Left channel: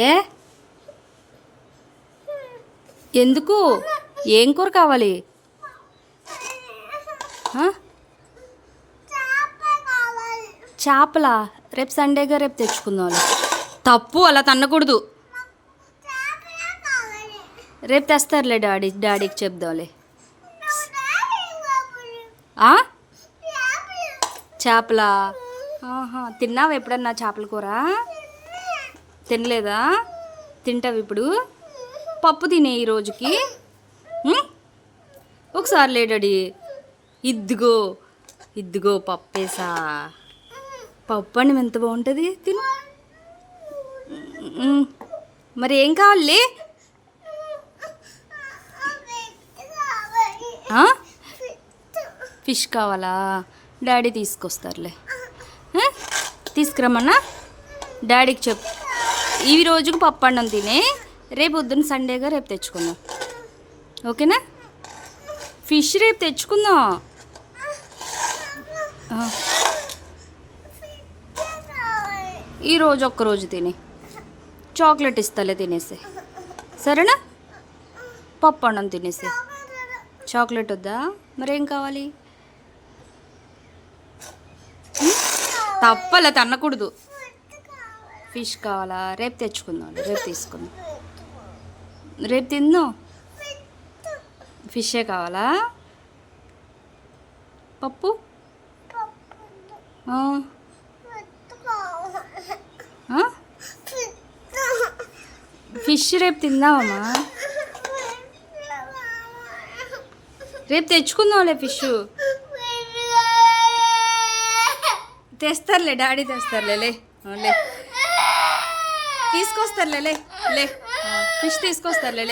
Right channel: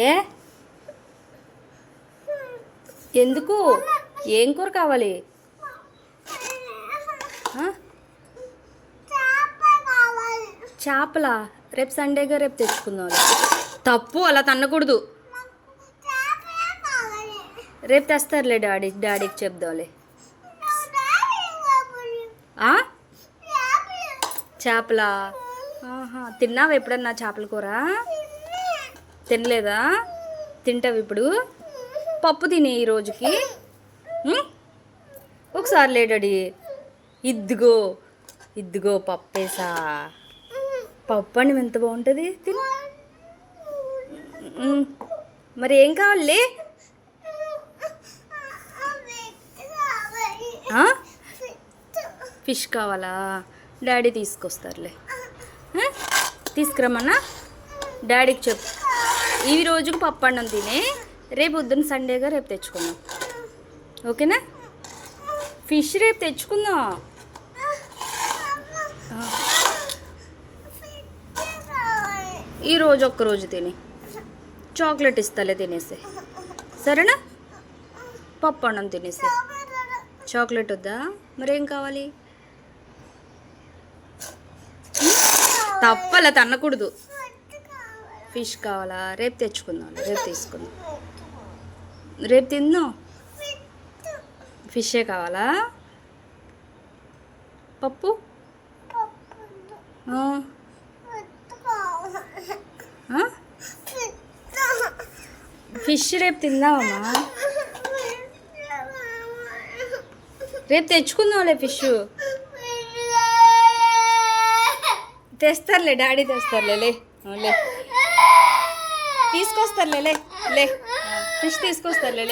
ఏ ఎందుకు? ఏం కూర కావాలి? చేపలా? రేపు సండేగా, రేపు తెచ్చుకుందాం. తప్పు, అలా తన్నకూడదు. రేపు తెస్తారులే డాడీకి చెప్దాంలే. చేపలా? తిన్నావా ఎప్పుడన్నా చేపల కూర? తినలేదా? తింటావు ఇప్పుడు? పప్పు తినే ఈ రోజుకి. ఒకసారి లే డాడీ. ఇద్దిగో ఇద్దిగో పప్పేసా. పప్పు అని ఎంత బాగుంటుంది, తిను. మరి ఏం కావాలి? ఫిష్ కావాలా? డాడీ తీసుకొస్తారులే. తీసుకురమ్మన్నా డాడీకి చెప్పు. ఈ రోజుకి పప్పు అన్నం తినే, రేపు పొద్దున్న సండేగా రేపు తెచ్చుకుందాం. ఓకేనా? ఫిష్ రేపు తెచ్చుకుందాం. ఈరోజు ఒక్కరోజు తినే, చాక్లెట్ ఇస్తాలే, తినేసి. సరేనా? పప్పు అన్నం తినేసి. చాక్లెట్ వద్దా? మరేం కావాలి? తప్పలా తన్నకూడదు. ఫిష్ కావాలా? రేపు తెచ్చుకుందాం, రేపు తీసుకుందాం, రేపు తిందాం. ఫిషే కావాలా? పప్పు ఫిష్ రేపు తిందామమ్మా. రేపు తెచ్చుకుందాంలే ఫిష్. తెస్తారులే, డాడీ తెస్తారులే. లే తీసుకొస్తారులే. లే ఫిష్ తీసుకొస్తారులే.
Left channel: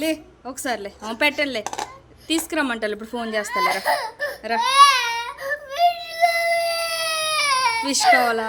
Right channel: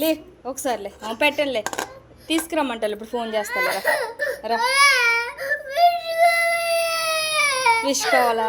లే ఒకసారిలే పెట్టండిలే. తీసుకురమ్మంటారు, ఇప్పుడు ఫోన్ చేస్తాలే. రా. ఫిష్ కావాలా?